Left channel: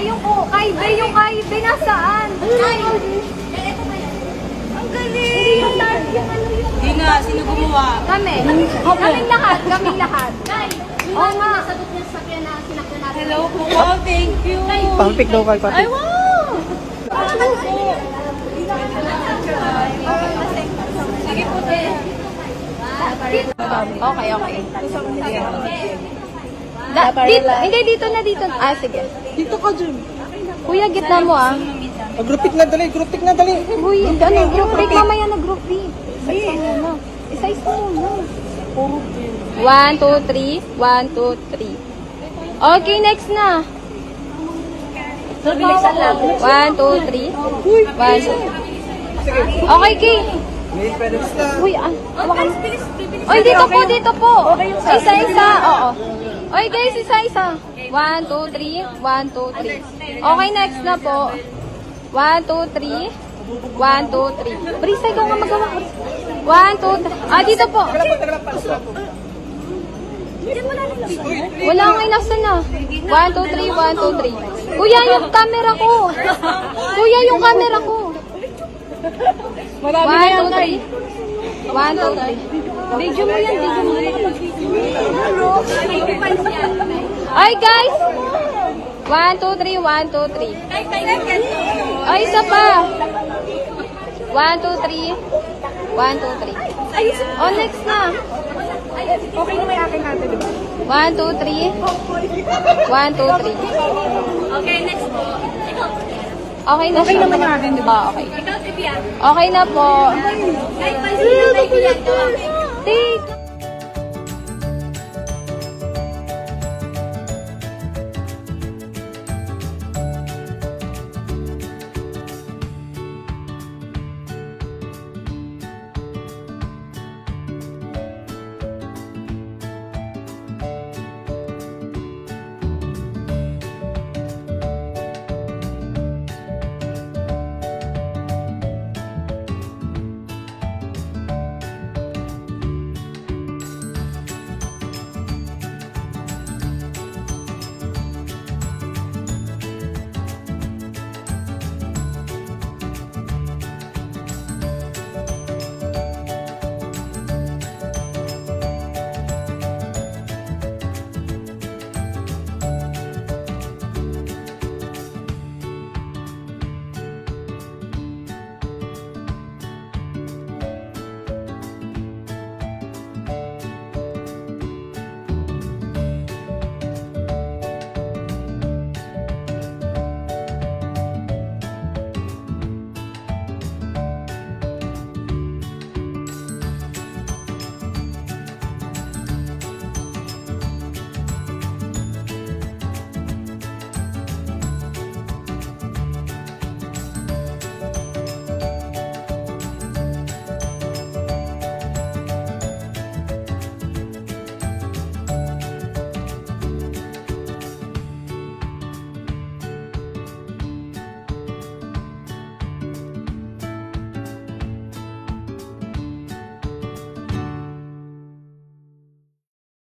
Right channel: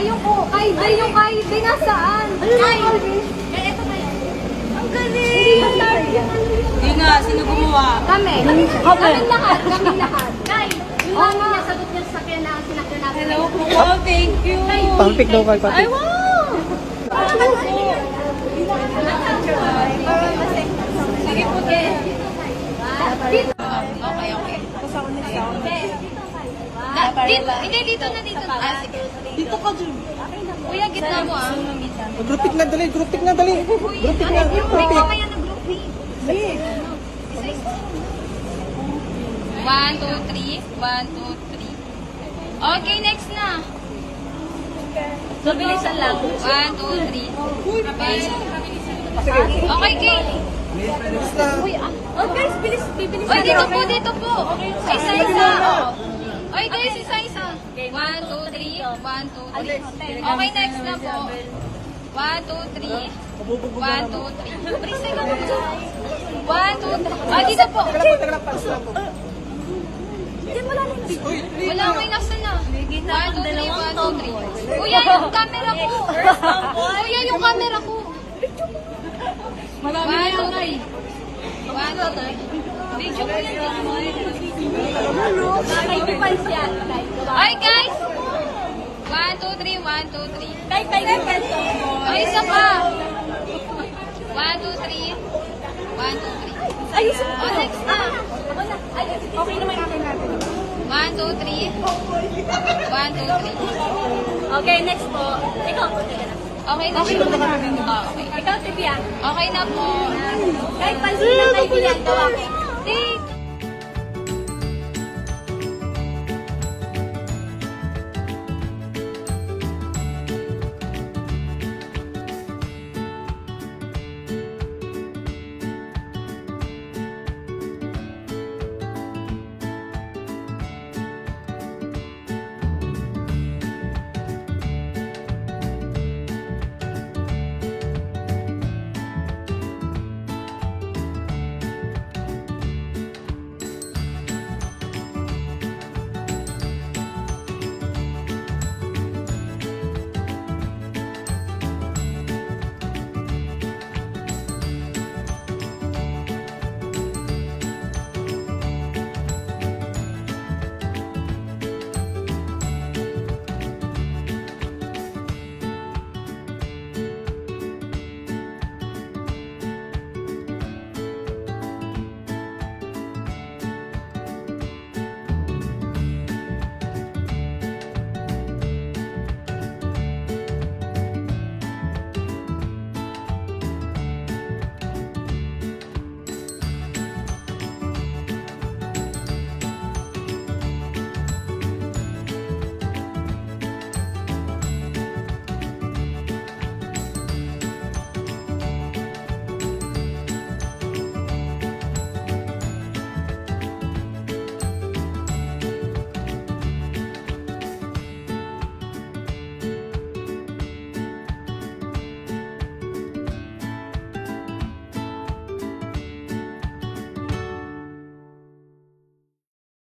Yung kay nasaan? Ito ba yan? Ang galing! Hindi nga, sino gumawa? Kami lahat. Guys, yung nasagot niya sa sakyan na sinakyan natin. Hello po, thank you. Pang-pick daw kay Pati. Ay, wow! Sige po, Okay. Dito na. Ah, sige. Dito ka dyan. Kuya, gitna mo ah. Group pick na dali. Kuya, group mamaya na group pick. Isa-isa mo. 1, 2, 3. 1, 2, 3. Okay, next na. Bilisan lang. 1, 2, 3. 1, 2. Okay, Kate. Uy, Guys, bilis. Oy, dito po. Isa-isa. Oy, guys, isa-isa. 1, 2, 3. 1, 2, 3. Okay, next na po. 1, 2, 3. 1, 2, 3. Brisay ka magawa. 1, 2, 3. Ah, dito po. Wala kang inasa na. 1, 2, 3. 1, 2, 3. Kuya, yung camera ko. Kuya, yung camera ko. 1, 2, 3. 1, 2, 3. Video mo yan, Ay, guys! 1, 2, 3, 1, 2, 3. Ay, isa pa. 1, 2, 3. 1, 2, 3. Oh, next na. 1, 2, 3. 1, 2, 3. Okay, next po. Ikaw po. Okay na siya. Okay. Ikaw, Tibia. Okay na po. Kahit pansin na kayo ginagawa. Take.